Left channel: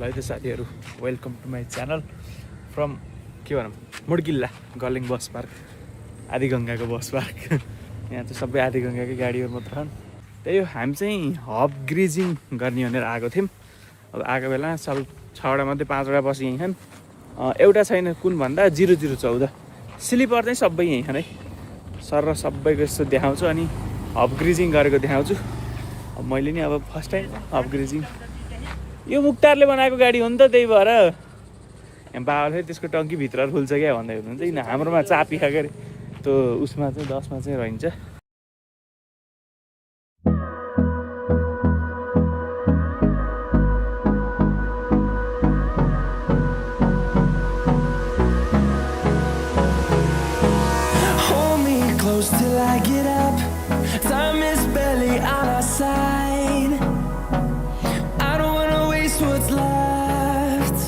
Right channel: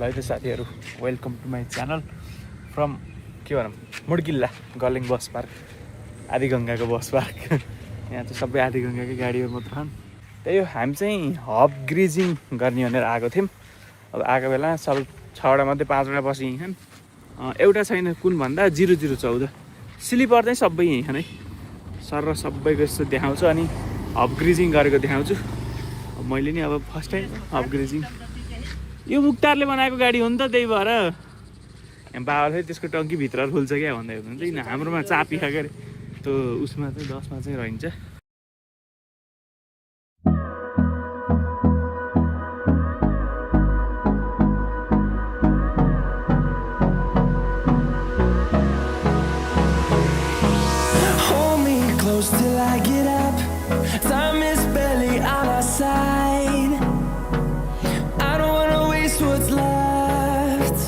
ल है त साथीहरू, welcome to my channel from के भनौँ मुड्किल्ला गलिङ बस पार्क, आदिगङ्गाको बस पार्क। यहाँ चाहिँ सबै आदिगङ्गाकै गाडीहरू मात्र छन्। त्यही हो, हामी चाहिँ हब ग्रिजिङ गर्ने भनेर आएको थियौँ। अब आएको बेला 6वटा मध्ये 5वटा बस यहीँ छन्। एउटा छैन, कुन भन्दा 0014 स्लिपर चाहिँ सबै यहीँ छन् है। सर र सबैको यस्तो देखाउँछु अनि हब ग्रिजिङ गरेको देखाउँछु। अब मैले नि अब फर्स्ट टाइम हब ग्रिजिङ, यो मुक्तारले बनाएको गाडी हो नि त, त्यही भएर यहाँ बाबाले त्यसको टङ्कीभित्र खुल्छ क्या भन्दै हुनुहुन्छ। किन हाम्रोमा चापी खाएको अरे, त्यो उसमा चाहिँ 10मा चाहिँ रहन्छ। Till I get up, time is barely on our side. I don't wanna waste what's left.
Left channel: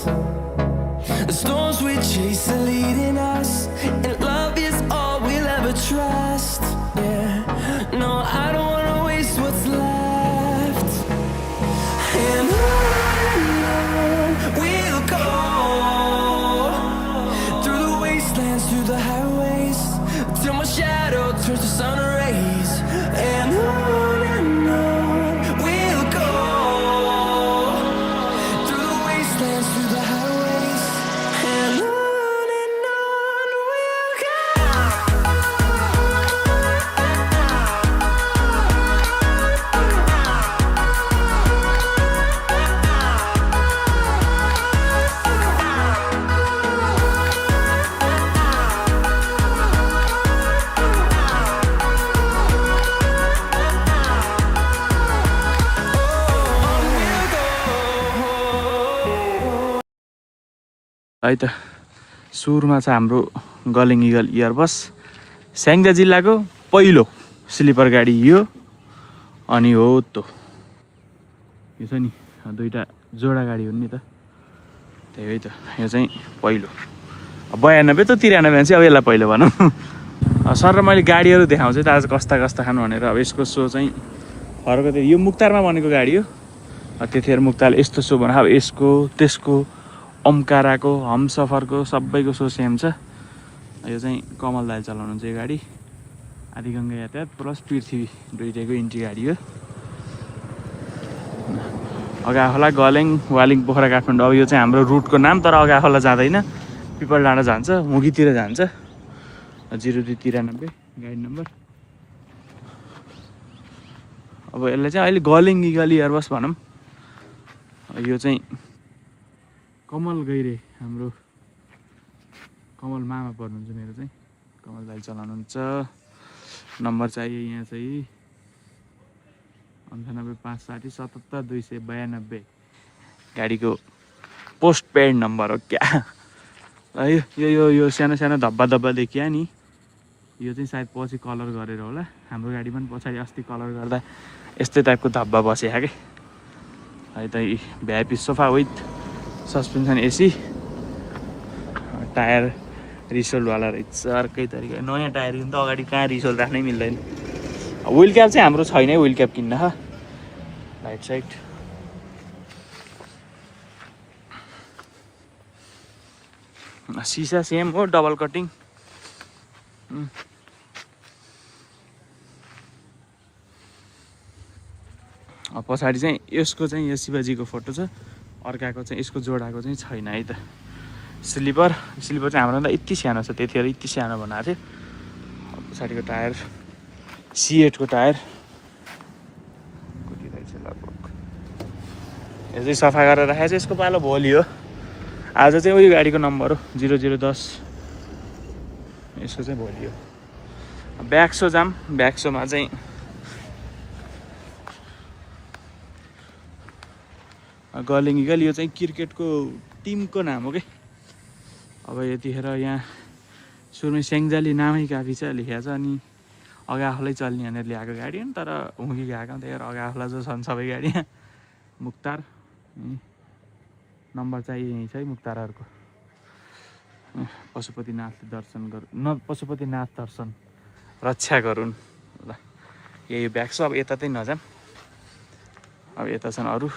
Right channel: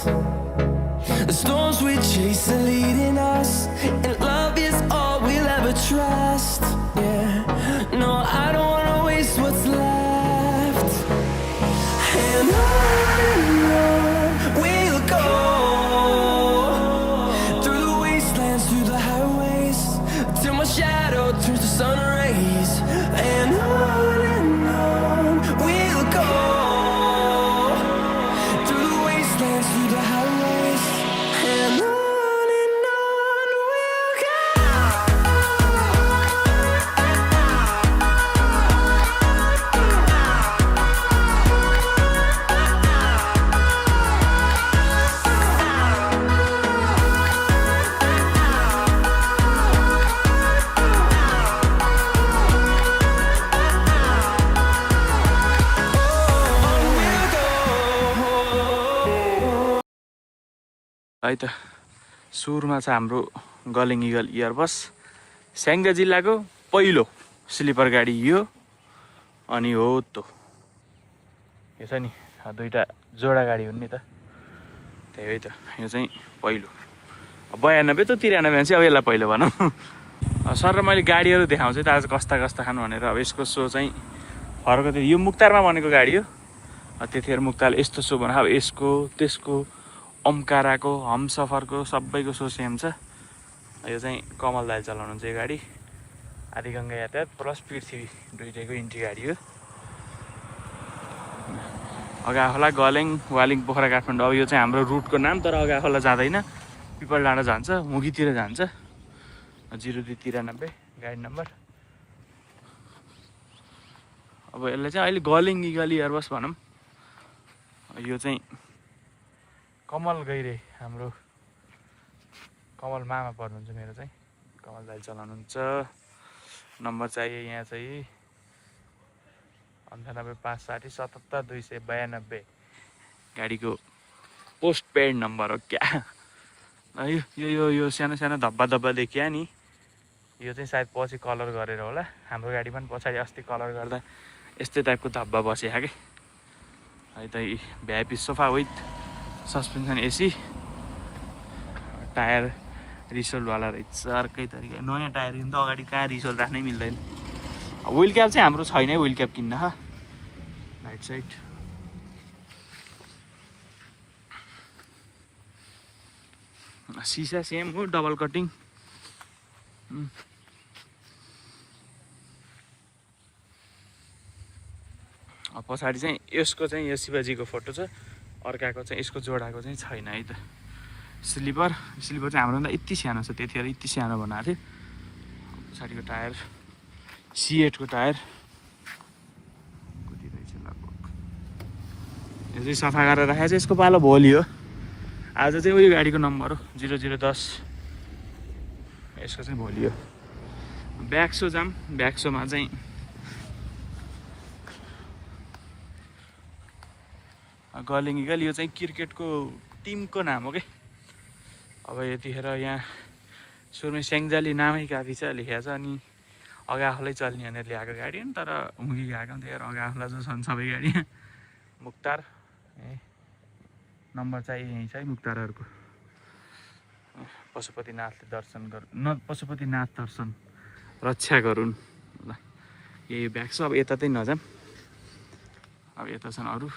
The storms we chase are leading us, and love is all we'll ever trust. Yeah, no, I don't wanna waste what's left. And on we'll go, through the wastelands, through the highways, till my shadow turns to sun rays. And on we'll go, through the wastelands, through the highways. And on we'll go. है त सुरुमा चाहिँ हाम्रो गलिङ eagle Airbus Syangja जिल्लाको पहिलो sleeper गाडी यो। अनि हो त यो छ नि दुईवटा जोडा गाडी हुन् नि त, त्यही है त। यो चाहिँ पहिलो 92 त 93 चाहिँ अब यसलाई पहिलो भनौँ। सर र मैले गाडीहरू देखाउँछु त आज कस्ता कस्ता खानु भनेर। अब यसको सो चाहिँ फरक थियो, यो मुक्तारमा बनेको गाडी हो। त्यतिखेर मुक्ताले यस्तो सो भने अब यसको त्यसको ओमकाराको हमसफरको सबैको सो सेम छ। यो चाहिँ कमल दाइले चलाउनुहुन्छ यो गाडी। आदिगङ्गा यातायात प्लस पृथ्वी दुइटैको इन्ट्री गाडी हो। अगाखोला गलेङ वालिङ पोखरा काठमाडौँ, अब यो चाहिँ हाम्रो रुटको नाम। तर अगाखोला जाँदैन, पिपल डाँडा जान्छ, मुगीतिर जान्छ। 0293 गाडी नम्बर। अब यसलाई चाहिँ अहिले गलिङ इगल एयरबस भनौँ। यो चाहिँ कमल गैरे, हाम्रो कमल मामा पर्नुहुन्छ मेरो चाहिँ, कमल दाइ चलाउनुहुन्छ। नम्बर चाहिए यहाँ चाहिँ 98 560 77 292 गाडीको पोस्ट पेड नम्बर हो क्या। ल यो यो यो सानो सानो धब्बा धब्बा देखिया नि, यो चाहिँ सायद पछि कलर गरेर होला। हाम्रो गाडी पनि पछाडि अस्ति कलर गर्दा यस्तै टाइपको धब्बा बसेको क्या है त। VIP sofa with suspension AC, tyre रिसोल्टवाला रहेछ अर्कै तरिका। नयाँ टायर किन त अगाडि कहाँ रिसोल्ट राख्नै मिल्दैन। विल क्याप चाहिँ हाम्रो छैन है, विल क्याप किन्न। राइट साइड सिसा सेम हो, डबल कटिङ। पछाडि चाहिँ यसको चाहिँ यो शिवजीको फोटो छ, अर्काको चाहिँ यसको जोडाको चाहिँ छैन है त। स्लिपर चाहिँ हाम्रोभन्दा यति सानो छ, त्यतिखेर यति सानो बनाएको थियो। पछाडिको टायर C8 को टायर कति रहेछ लगभग। यो चाहिँ सफा गरेर राखेको छ, यसको पालो भोलि हो। आज चाहिँ उयो गाडीको नम्बर हो 0010, यसको चाहिँ भोलि हो। ब्याक्सो जाम, ब्याक्सोमा चाहिँ गलिङ इगल, यो चाहिँ क्रिकेटको टिमको नाम हो कि। अब यतिखेर यहाँ सुरुमै स्याङ्जाली नामै काफी छ लेखेको छ। अनि अगाखोलै चल्ने भनेर ल्याएको गाडी हो नि, तर हुँगी गएको त्यही अगाखोला जो छन् सबै गाडी। मुक्तार नम्बर चाहिँ यहीँ छ है मुक्तारहरूको। पशुपतिनाथले दर्शन पशुपतिनाथ दर्शन रक्षा गरून्। ल यही ब्याग छ। अब यता चाहिँ नजाम, अब यता छन् अरू।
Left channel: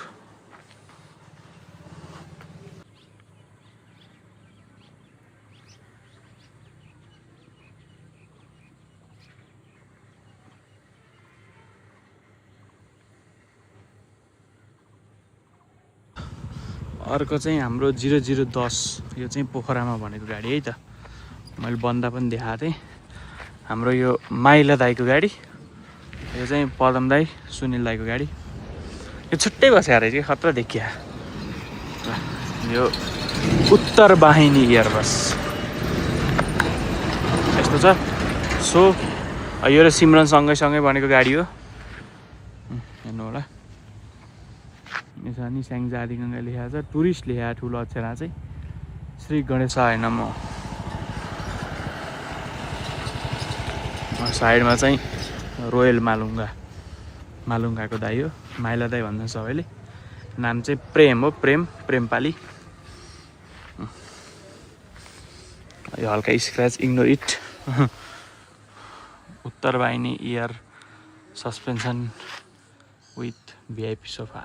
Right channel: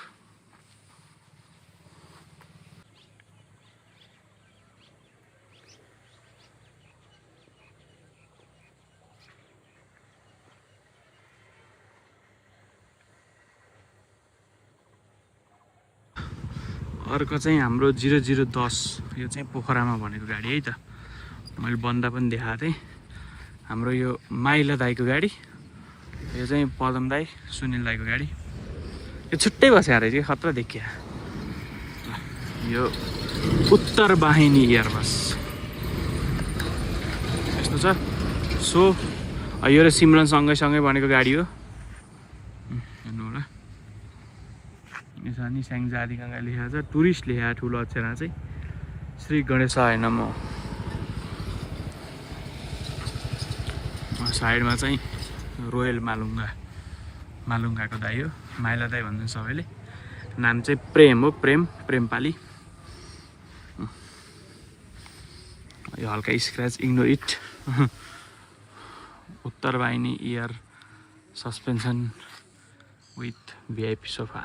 अर्को चाहिँ हाम्रो 0010 यो चाहिँ पोखरामा भनेको गाडी है त। मैले बन्दा पनि देखाएको थिएँ। हाम्रो यो माइला दाईको गाडी, यो चाहिँ पदम दाई सुनिल दाईको गाडी। यो छुट्टै बस्या रहेछ कि खतरा देखिया। यो उत्तर वाहिनी एयरबस यस्तो छ। सो यो र सिमरन सँगै बनेको गाडी हो। हेर्नु होला, यसमा नि स्याङ्जा आदिगङ्गा लेखेको छ, टुरिस्ट लेखेको ठुलो अक्षरमा चाहिँ श्री गणेशाय नमः। साइडमा चाहिँ रोयल मालुङ्गाको दाई हो, माइला दाई भन्छ सबैले। नाम चाहिँ प्रेम हो, प्रेमपाली। यो हल्का स्क्रैच, इग्नोर इट। उत्तर वाहिनी air suspension with VIP sofa.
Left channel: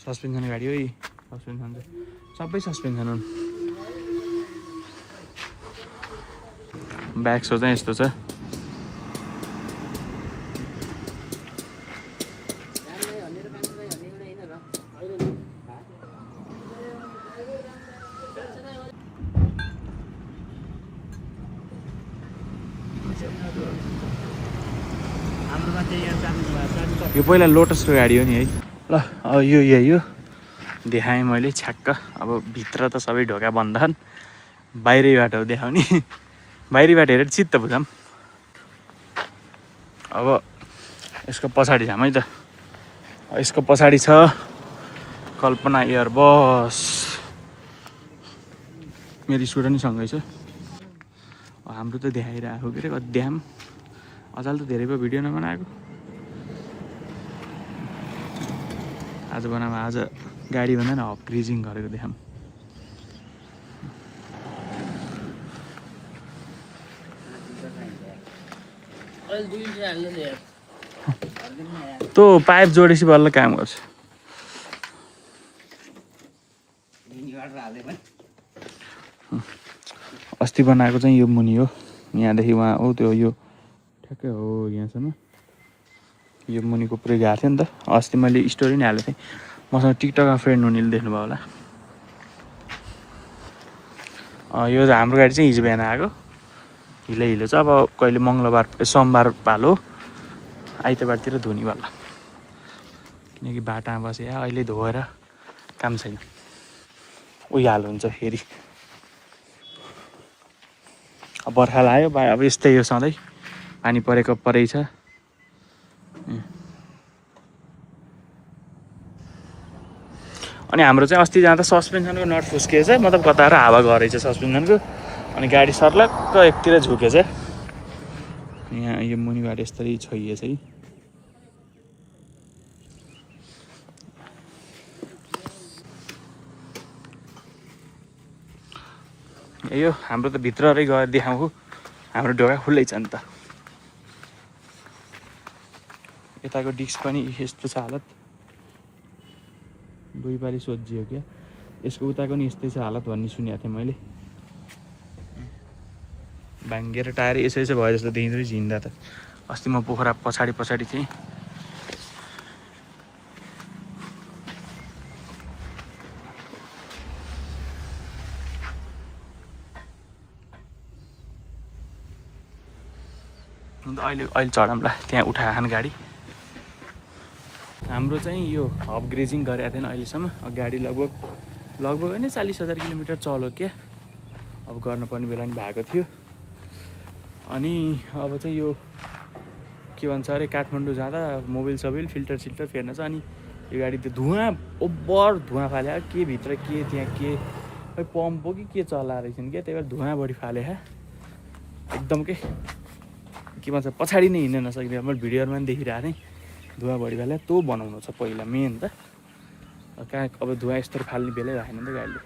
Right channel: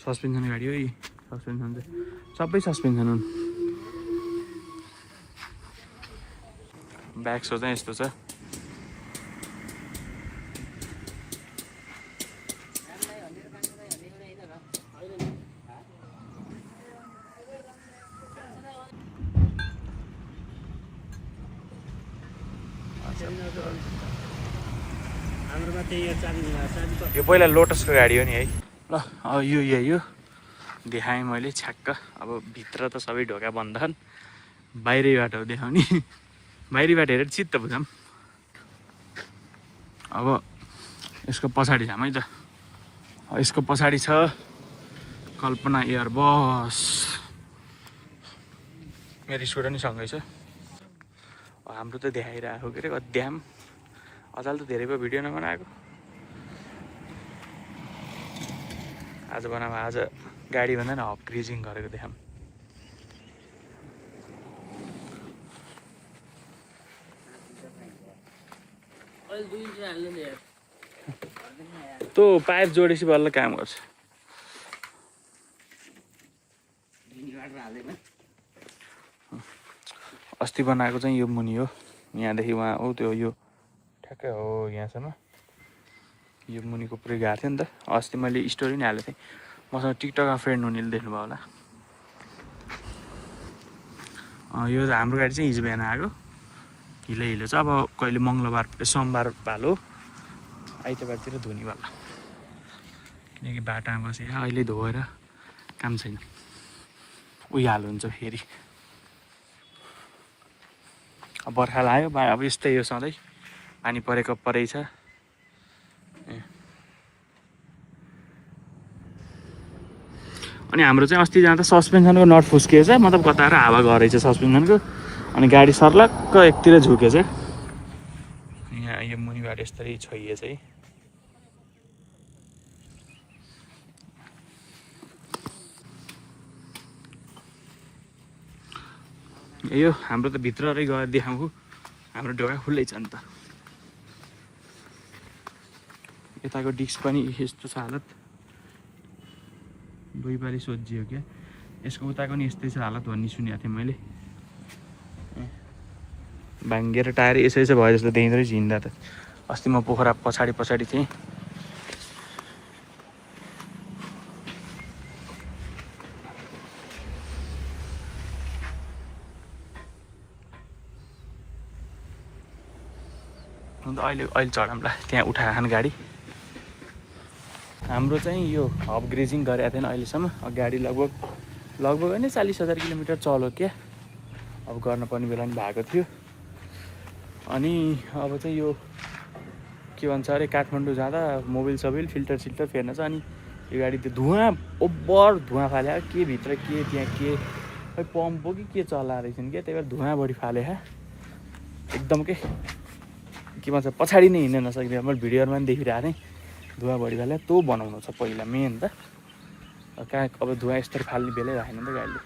Suspension गाडी हो। सस्पेन्सन चाहिँ सबै सस्पेन्सन हुन्। ब्याक सो चाहिँ यस्तो छ। यो पहिला लोटसको गाडी हो नि है। ल अब यो यही हो, देखाएँ मैले छ्याक्क। अब भित्र त सबै ढोका बन्द छन्, बाहिरै बाटो देखाउने। बाहिरी बाटो हेरेर चित्त बुझाऊँ। अब यसको पछाडि जाऊँ है त। यसको पछाडि छ कल्पना एयरबस। मेरो स्टुडेन्ट सँगै छ। हाम्रो त देखाइरहेको के अरे अध्याम। अझाल त धेरै भयो भिडियो नबनाएको। आज बनामा आज गाडी भन्दा न अपग्रेजिङ गरेको देखाऊँ। त्यो पाइप जोडेपछि बल्ल काम गर्छ। अस्ति बनाएको चाहिँ यो मुनि हो, यहाँदेखि उहाँ हो त्यो यो ठ्याक्कै हो यहाँसम्म। यो मुनिको पुरै गएको थियो नि त। अस्ति मैले स्टोरी नै हालेको थिएँ। मसँग टिकटकमा फ्रेन्ड हुनेले देख्नुभयो होला। यो हाम्रो गाडी चाहिँ हिजो बिहान आएको। हिलो छ। अब कहिले मङ्गलबार सोमबार पालो आइतबारतिर धुने वाला, किनकि बाटामा बसे अहिले धोएर काम छैन। उही हाल हुन्छ फेरि। अब बर्खा लाग्यो, अब यस्तै हो सधैँ, पानी परेको परै छ। अनि हाम्रो चाहिँ अस्ति जाँदा सस्पेन्सनको नट फुस्किएछ, मतलब कताएर हावा गरेछ सस्पेन्सनको। अनि गाडी सर्लक्क एकतिर झुकेछ। यहाँ यो मुनिबाट यस्तरी छोइएछ है। यो हाम्रो त भित्ररै गएर देखाउँछु। हाम्रो ढोका खुल्लै छ नि त। यताको डिस्क पनि यस्तो छ हालत। दुई पाली सोझियो क्या। यसको उताको नि यस्तै छ हालत भन्ने सुनेको थिएँ मैले। भाङ्गिएर टायर यसै भयो जस्तो देखिँदो रहेछ हिँड्दा त। अस्ति म पोखरा पछाडि थिएँ। अन्त अहिले चढाउँला त्यहाँ उठाएन गाडी। हाम्रो चाहिँ यो अपग्रेजिङ गरेको थिएन अहिलेसम्म। गाडी लगभग होइन 40,000 किलोमिटर चल्यो क्या। अब गर्नुपर्ने बेला नि भएको थियो। अनि अब चाहिँ यो के भन्छ अरे काठमाडौँ जाँदा मोबिल फिल्टर फेर्न छ। अनि यो गाडी त्यो धुवाँ ओभर धुवाँ फाले के भित्र के त्यहाँ के खै पम्प हो कि के चलाएर रहेछन् क्या। त्यही भएर धुवाँ बढी फाले एकदम के भन्छ पछाडि नै हिँड्न नसक्ने। मैले भिडियोहरूमा पनि देखिरहेको थिएँ धुवाँ बढी फाले। त्यो बनाउनु छ पहिला मेन त। कहाँ अब धुवाँ यस्तो फाल्ने बेलै राखेन नि त गाडीले।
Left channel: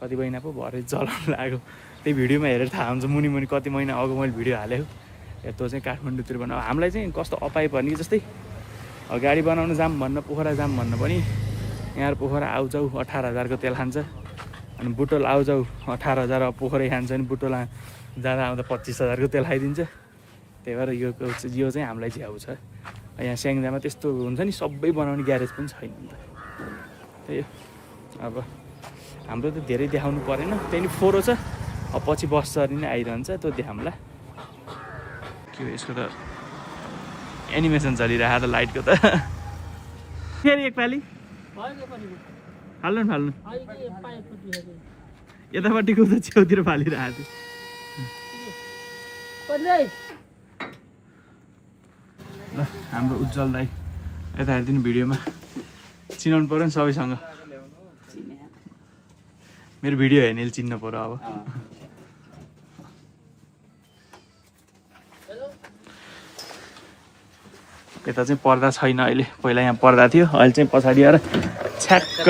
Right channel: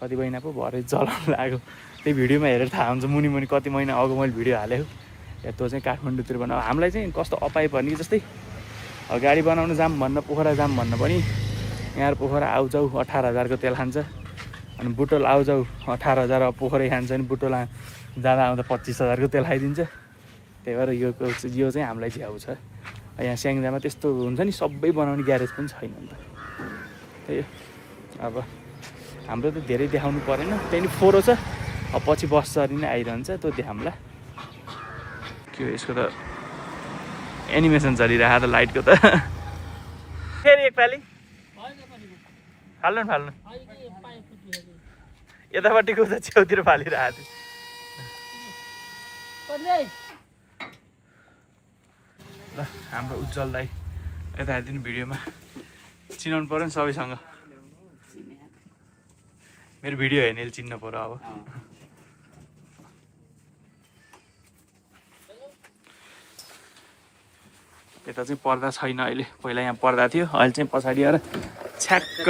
कति महिना पो भरे चलाउनु लाग्यो। त्यही भिडियोमा हेरेर थाहा हुन्छ मुनि कति महिना अगाडि मैले भिडियो हालेको। त्यो चाहिँ काठमाडौँतिर बनाऊ। हामीलाई चाहिँ कस्तो अपाइ पर्ने जस्तै गाडी बनाउनु जाम भन्न, पोखरा जाम भन्न पनि यहाँ पोखरा आउजाउ 18,000को तेल खान्छ। अनि बुटोल आउजाउ 18,000 पोखरै खान्छ नि बुटोल जाँदा आउँदा 25,000 को तेल खाइदिन्छ। त्यही भएर यो चाहिँ हामीलाई झ्याउ छ। यहाँ स्याङ्जामा त्यस्तो हुन्छ नि, सबै बनाउने ग्यारेज पनि छैन नि त। त्यही अब हाम्रो त धेरै देखाउनु परेन, त्यहाँदेखि फोरो छ। अब पछि बस चढी नै आइरहन्छ, त्यो देखाउँला। के हो यसको त एनिमेसन चलिरहेको त लाइटको त। फेरि एकपालि फाल्नु फाल्नु यतापट्टिको त छेउतिर फालिरहेको थियो। हाम्रो उज्जवल दाइ यता हेरिदिनु भिडियोमा चिनाउनु पऱ्यो नि सबैसँग। मेरो भिडियो हेर्नेले चिन्नु पऱ्यो अब। यता चाहिँ पर्दा छैन अहिले, पहिला यहाँ पर्दा थियो, अहिले चाहिँ पछाडि आएर छ्याक्क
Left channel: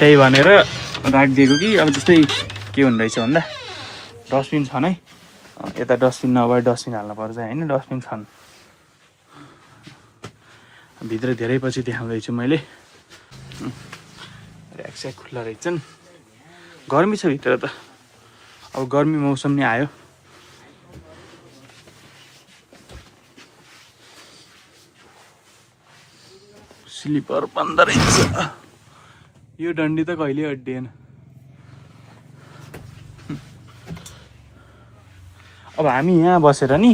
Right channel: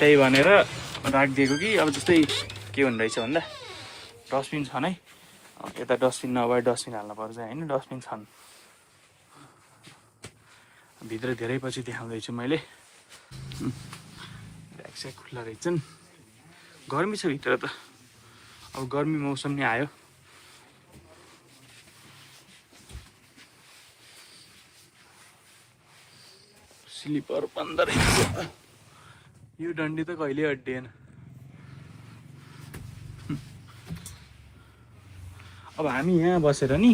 त्यही भनेर राखिदिएको कि अब जस्तै के हुँदो रहेछ भन्दा डस्टबिन छन् है, यता डस्टबिन नभए डस्टबिन हाल्नु पर्छ होइन, डस्टबिन छन्। भित्र धेरै पछि देखाउँदैछु मैले। ऱ्याक स्याक खुल्ला रहेछन्, गर्मी छ भित्र त, अब गर्मी मौसम नै आयो। स्लिपर बन्द रहेछ, यो डन्डी त कहिले अड्डिएन। अब हामी यहाँ बसेर नि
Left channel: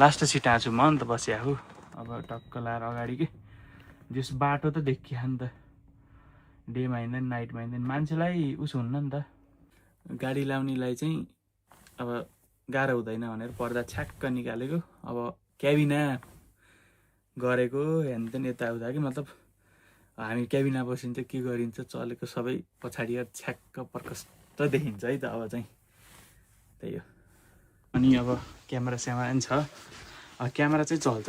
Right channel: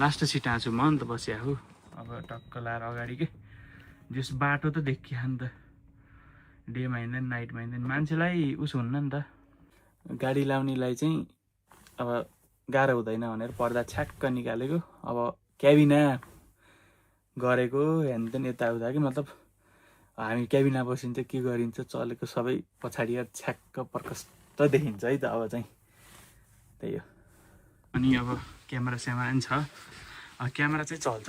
लास्ट सिट आछु म अन्त बसिया हो। अब टक्क लाएर अगाडि के जस बाटो त देखिया नि त, डेमा हिँड्दैन नाइटमा हिँड्दैन, मान्छेलाई उस हुन्न नि त। गाडी लाउनेलाई चाहिँ अब गाह्रो हुँदैन भनेर पर्दा छ्याक्क निकालेको। अब क्याबिना गरेको हेनतेन यताउता कि मतलब हामी क्याबिना बसिन्छ के गरिन्छ चलेको सबै पछाडि छ्याक्क प्रकष्ट देखिन्छ है त अब चाहिँ। त्यही हो। अनि अब क्यामेरा स्यामेरा पनि छ, क्यामेरा चाहिँ चल्छ।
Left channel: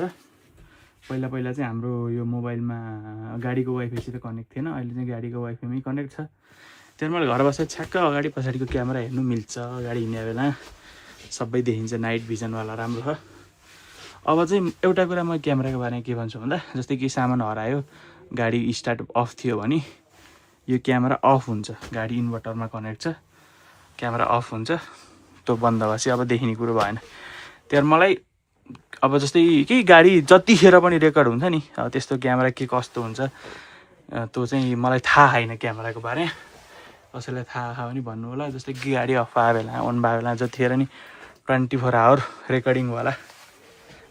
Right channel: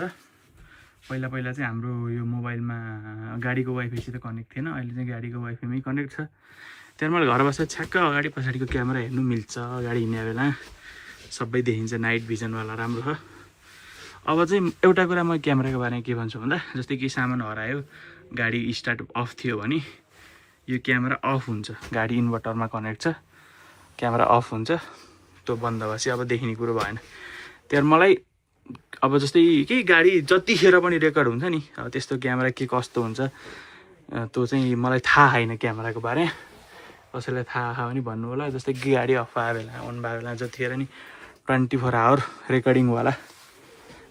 पहिला पहिला चाहिँ हाम्रो यो मोबाइलमा गाडीको वाइफाईसित कनेक्ट थिएन, अहिले चाहिँ गाडीको वाइफाईमै कनेक्ट छ। त्यहाँ मलाई घर बसेर छ्याक्क अगाडि पछाडिको क्यामेरा हेर्नु मिल्छ, गाडी हिँड्ने बेला सबै देखिन्छ, नाइट भिजनवाला राम्रो छ। अब चाहिँ एउटा कुरा म क्यामेराको बारेमा के भन्छु भन्दा, जस्तै कि सामान हरायो, गाडी स्टार्ट अफ थियो भने यो क्यामेरा अफ हुन्छ, गाडी इन्भर्टरमा कनेक्ट छ, क्यामेरा अफ हुन्छ, त्यो बन्द भएपछि अब देखिने कुरो भएन। त्यहाँ मलाई अब जस्तै केही गाडी जतिखेर पनि रेकर्ड हुन्छ नि, अब त्यस्तो क्यामेरा के कस्तो हुन्छ त्यो चाहिँ मलाई थाहा छैन क्यामेराको बारेमा। कसैलाई थाहा भने भन्नु होला। जस्तै कि गाडी अफ भयो बेला अन भयो बेला जतिखेर नि 24 आवर रेकर्डिङवाला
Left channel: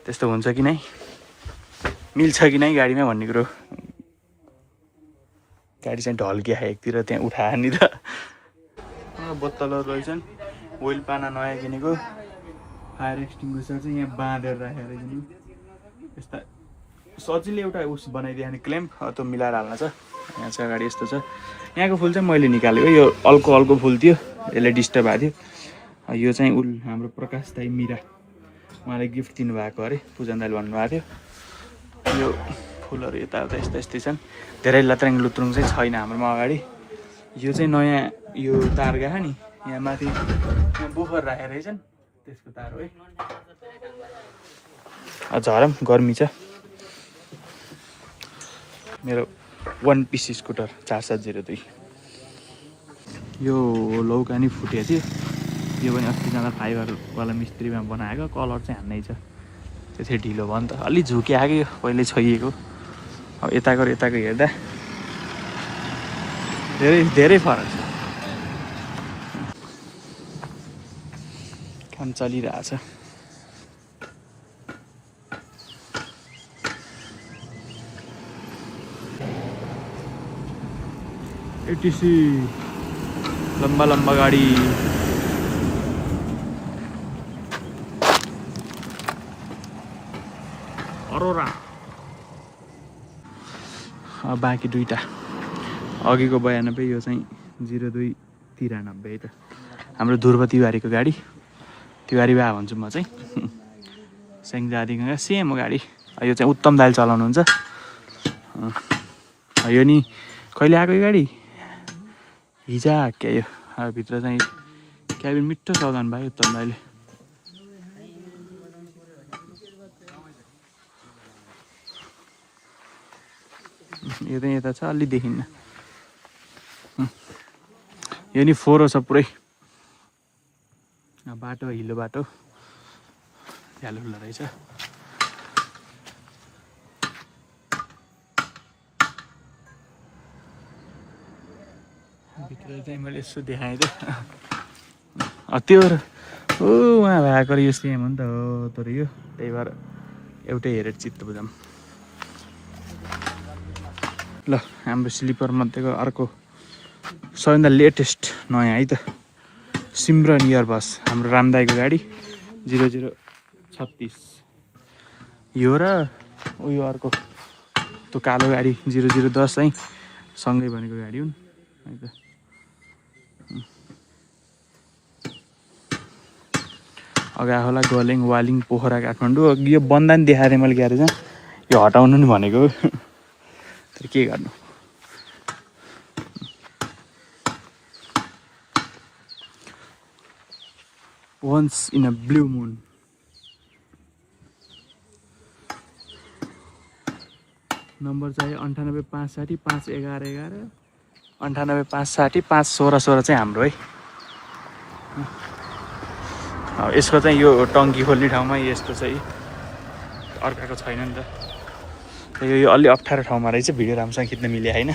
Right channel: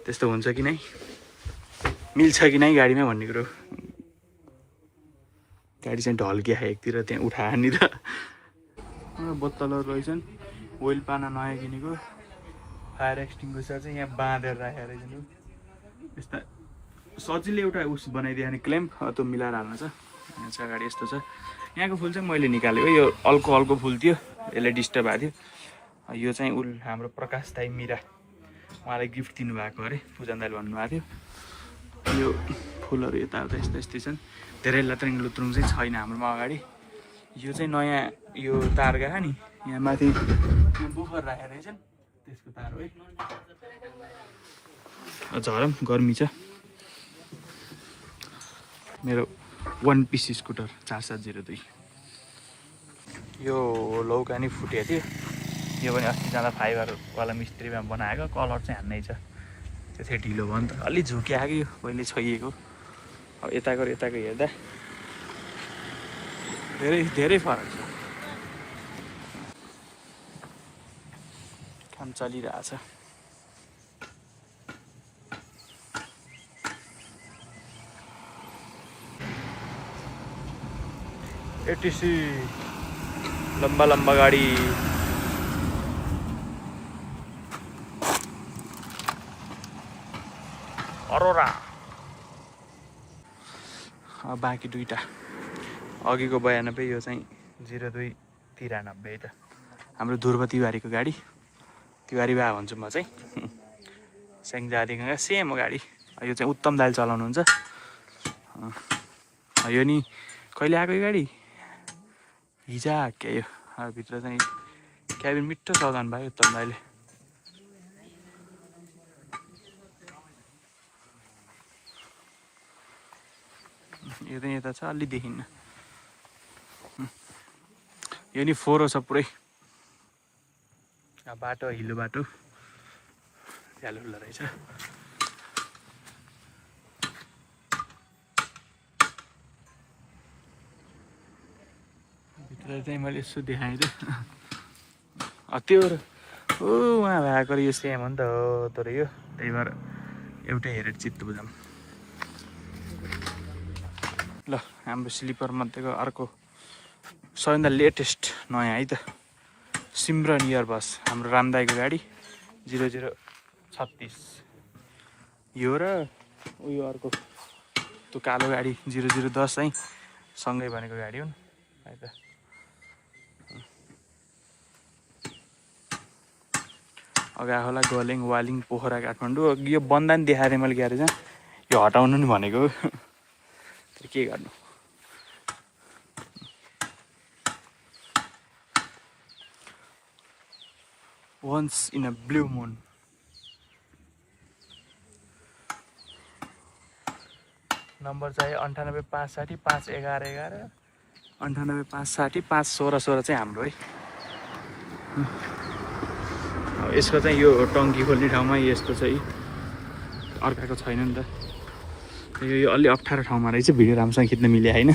त्यस्तो हुन्छ कि नै, मिल्छ कि नै गाडीमा भन्ने कुरो। गाडी चाहिँ ढल्किया एकतिर त्यहाँ उठायो नि त। बोतलहरू रहेछन्, ओइल पाना नयाँ किनेको, फायर एक्सटिङ्ग्विसर चाहिँ यहाँ बाँधेर राखेर रहेछ। यस्ता सजिलै एउटा उस बनाइदियो भने क्ल्याम्प त्यो मिलाएर हाल्न छ। यहाँ चाहिँ अगाडि यस्तो छ। यहाँको फुल चाहिँ मैले निकालेको, यो अल्को फुल थियो, यसले डिस्टर्ब भएको थियो। यो चाहिँ हाम्रो प्रकाश दाइ मिरा उहाँले गिफ्ट दिनुभएको अरे, पूजन दाइले भन्नुभएको थियो। यो फुलहरू यताउता यस्तै यस्तै छन्, धेरै लत्राङ लुत्रुङ चाहिँ छैन हाम्रोमा अगाडि। यो चाहिँ नयाँ यो तार गएको नि, यहाँ माथि यहाँ बुफर राखेर रहेछन्, त्यसको तार हो है। झरम गर्मी छ। मेरो 1 पिस स्कुटर 4702। यो लौकानी फुटेको थियो, यो पनि अस्ति जाँदा फाइबरवाला मिस्त्रीमा बनाएको, कलर चाहिँ हान्नै छ। त्यो चाहिँ ढिलो भयो नि त, अलि झुकिआएको पहिल्यै छोइएको। अब यताको हेर्दा धेरै फरक छ। काम चलिरहेछ। एटिसी लम्बा गाडी। अरोरा। बाँकी दुईटा, अघिको 92, यो चाहिँ 0293 है त। हाम्रो ध्रुव तिवारीको गाडी, तिवारी बा भन्छु म चाहिँ। स्याङ्जादेखि सेम हो गाडी। यो चाहिँ उत्तम दाइले चलाउनुहुन्छ। यो नि कहिले आएको यो गाडी, हिजो क्या यो। भित्र चाहिँ क्याबिन मिठो सजाउनु भयो उत्तम दाइले। यो चाहिँ यता छ, अलि देखिन्न। यो नि फोहोर छ पुरै। बाटो हिलो बाटो झ्यालो रहेछ। भित्र चाहिँ मैले यसो देखाएँ त त्यो उहाँ भएको यो सेम हो नि त हो, तर यो त्यही भएर एउटै हेरेर चित्त बुझाउँ। ल हाम्रो स्लिपर मध्येको अर्को सबैभन्दा लेटेस्ट नयाँ है त सिमरन इयरबस, हाम्रो रामदाईको गाडी 0036। यो र उयो अर्को त्यो कालो गाडी 0010 चाहिँ सँगै भनेको गाडी हुन् है त। अगा होला गलेङ वालिङ पोखरा काठमाडौँ। यो बन्दा नि देखाएर मैले ग्यारेजमा यो हटाउनु नि भनेको तर के गर्नु। Once in a blue moon. Number चाहिँ 98 560 5 11 11 98 560 5 16 16 चाहिँ हाम्रो है। यसको चाहिँ यो टङ्की खोल्ने ठाउँमा यस्तो चाहिँ अर्काको छैन नि त। यो अलि अप्ठ्यारो ठाउँमा रहेछ, भिडियो राम्रोसँग खिच्न मिले होइन।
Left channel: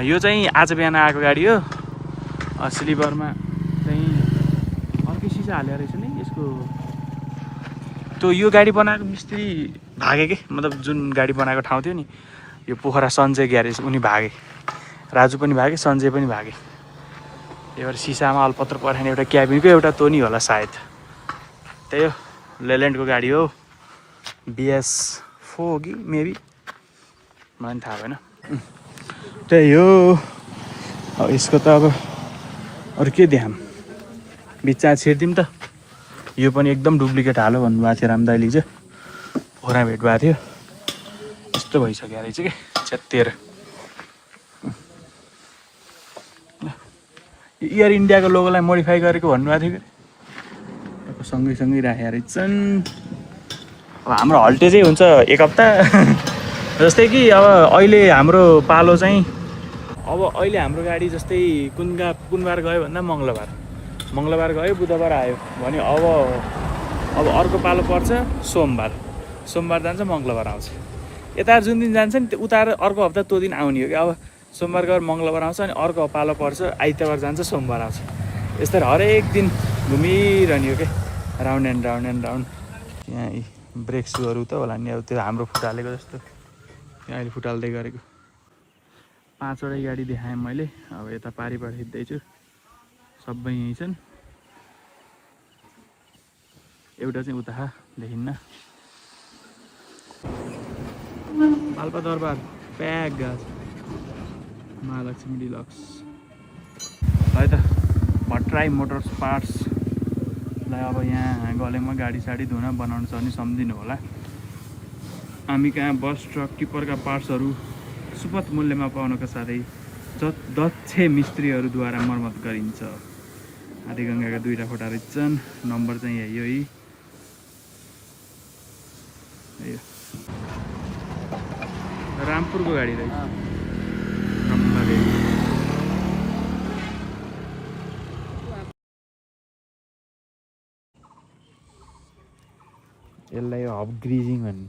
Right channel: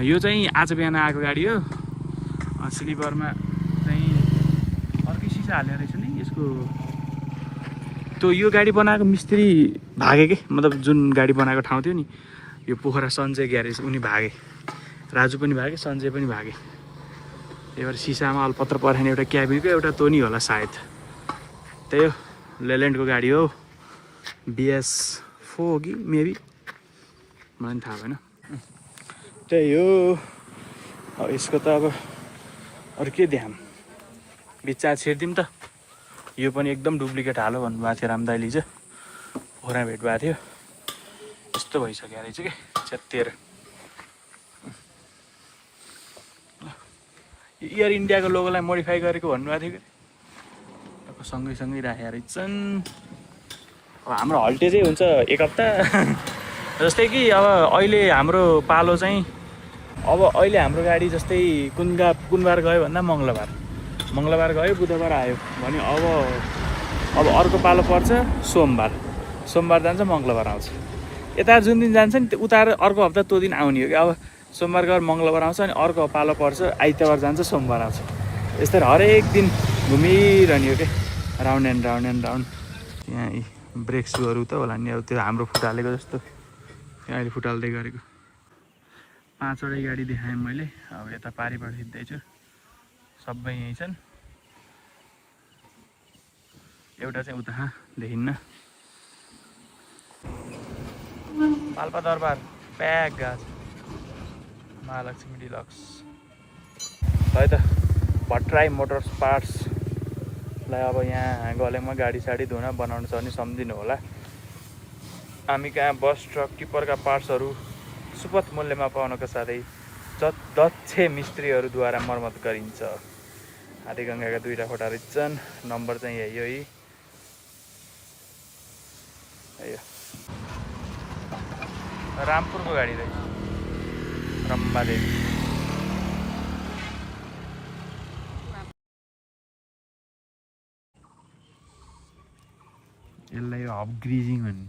यो चाहिँ आज बिहान आएको गाडी हो। स्लिपरमा चाहिँ अर्कै सिसा हालेको रहेछ नि यसको। त्यो यो गाडी बनाएको मिस्त्री भागे के, मतलब जुन गाडी बनाएको ठाउँ थियो नि यो पोखरा सञ्जय ग्यारेज, उनी भागे। राजु पनि भागे, सञ्जय पनि भागे। त्यही भएर सिसामा अलपत्र पर्खाने एउटा क्याबिनको एउटा तोनी होला सायद। त्यही हो लेल्यान्डको गाडी हो। BS4 हो कि मेबी, मलाई पनि थाहा भएन। त्यही हो। यसको त अब अरू के देखाऊँ, बिचमा छिर्दिउँ त। यो पनि एकदम डुप्लिकेट हालो भन्नुभएको थियो रामदाइले चाहिँ, पोखरा भेट भएको थियो। यस्तो भइसक्यो रहेछ कि च्यात्तिएर। एयर इन्डियाको लोगोलाई मोडिफाई गरेको भन्नुभएको थियो कि सँगै राखेका रहेछन्। अब हाम्रो हल्टेजै हुन्छ 1 हप्ता। जस्तै कि अब अहिले हाम्रो पालो चाहिँ अहिले हाम्रो गाडी जस्तै कुन बार गयो भन्दा मङ्गलबार गयो बुधबार आयो भने अब अर्को पालो पर्छ सोमबार जान्छ मङ्गलबार आउँछ। यता जुन दिन जान्छ नि उता अर्को हप्ता त्यो दिन आउने हो कि। अब सोमबार गएर मङ्गलबार आउँछ अनि अर्को पालो पर्छ आइतबार जान्छ सोमबार आउँछ। यस्तै हरेक दिन घुमिरहने हो क्या, राउन्ड एन्ड राउन्ड। यहाँ ब्रेक सुहरू त होला नि, अब त्यो हाम्रो फुटालेको जस्तो यहाँ अहिले फुटाल्दै गरेको। 5वटै गाडी देखाएँ मैले। अब यता पारिबाट हिँड्दैछु, सबै यहीँ छन्। एउटा चाहिँ उता देखिन्न। पाल्पा दरबार प्याक गएको छ। महालक्ष्मी डिलक्स है त। भट्टराई मोटर्स पार्ट्सलाई अब यहाँ गलेमा गाडी साडी धुन बनाउनु छ भने सम्झिनु होला। हामी कहाँ बस ट्रक टिप्परका पार्ट्सहरू सुपथ मूल्यमा पाउनका साथै दक्ष मिस्त्रीहरूद्वारा मर्मत गरिन्छ। आदिगङ्गाका 2टा खोटा रहेछन्। नम्बर चाहिँ यही हो। रामपुरको गाडी रहेछ, रम्बादेवी। यसलाई हब ग्रिजिङ भन्ने।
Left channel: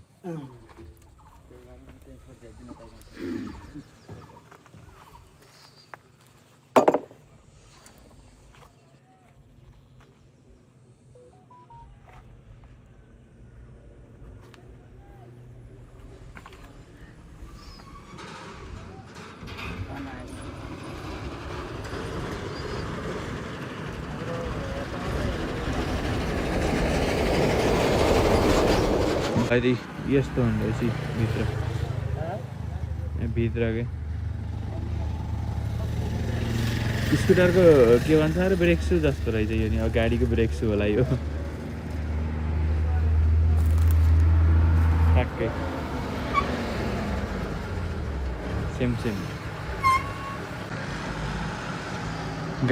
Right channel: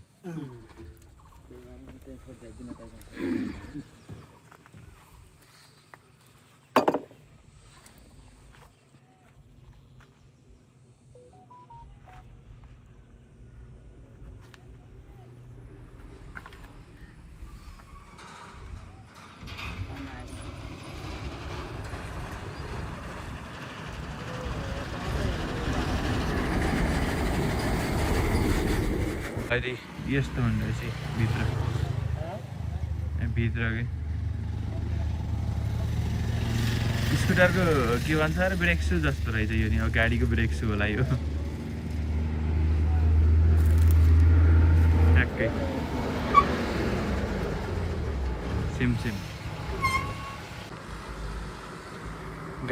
अहिले यस्तो हुँदो रहेछ भित्र के स्कुटरको के भन्छ अरे ब्रेक सु जस्तो रहेछ यो नि। अब गाडीको ब्रेक सु होला यो ठ्याक्कै सेम।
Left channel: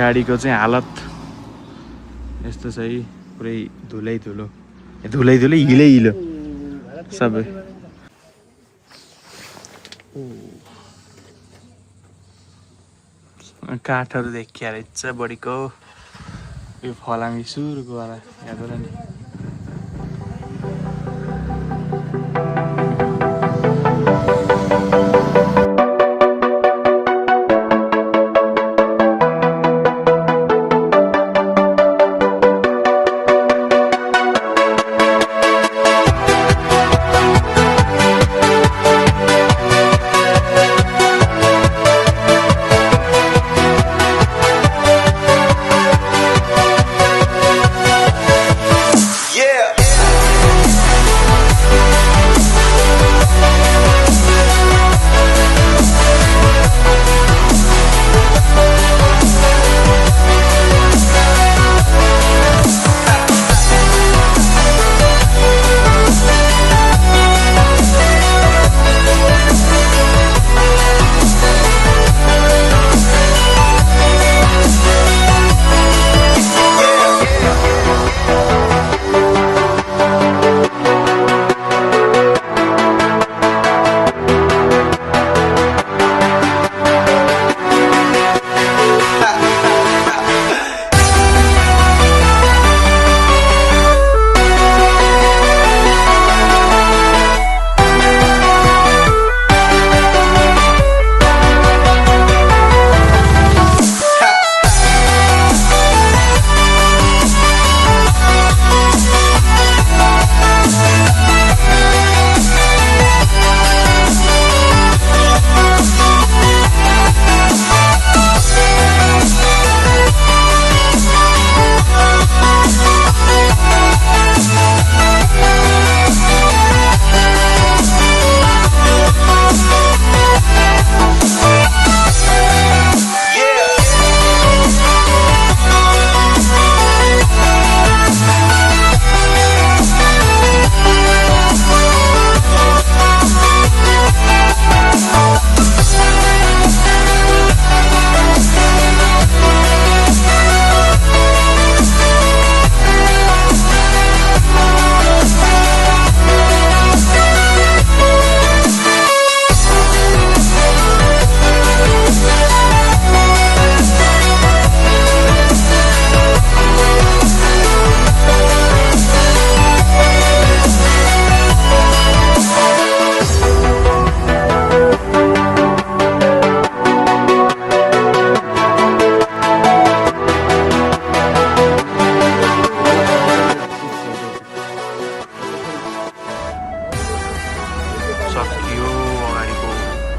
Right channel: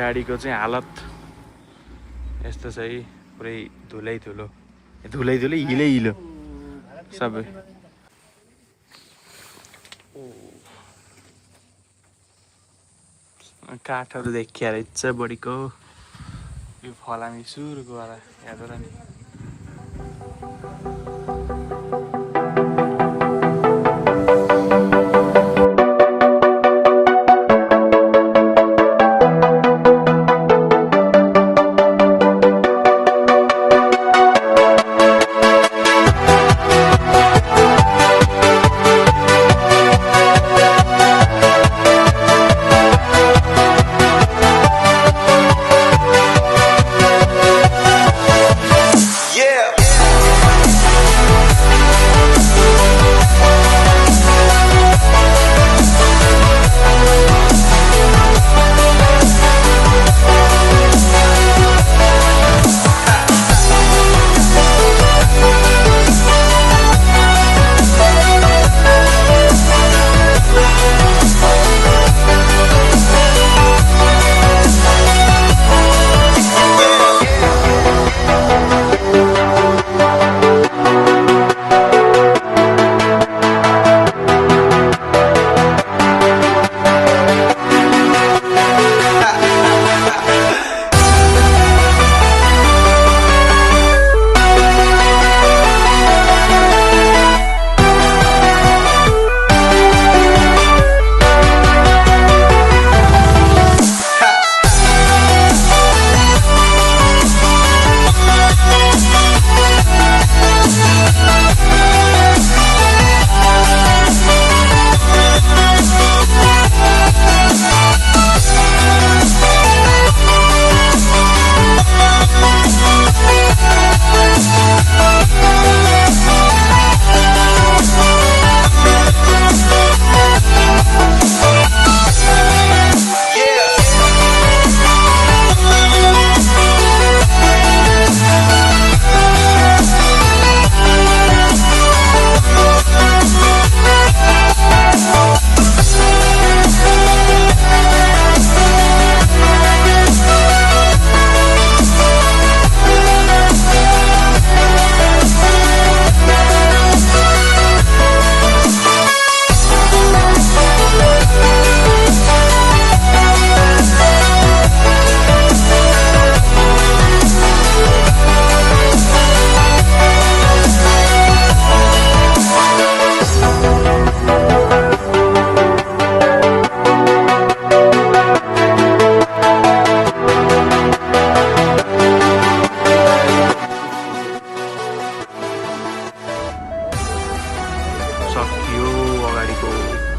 गाडीको चाहिँ हालत यस्तो छ है, पुरै धुलै हिलो सबै। काठहरू देखिया रहेछ बढीको यो फलामी सुरुको वाला हेर्नु र नि सकियो अगाडिको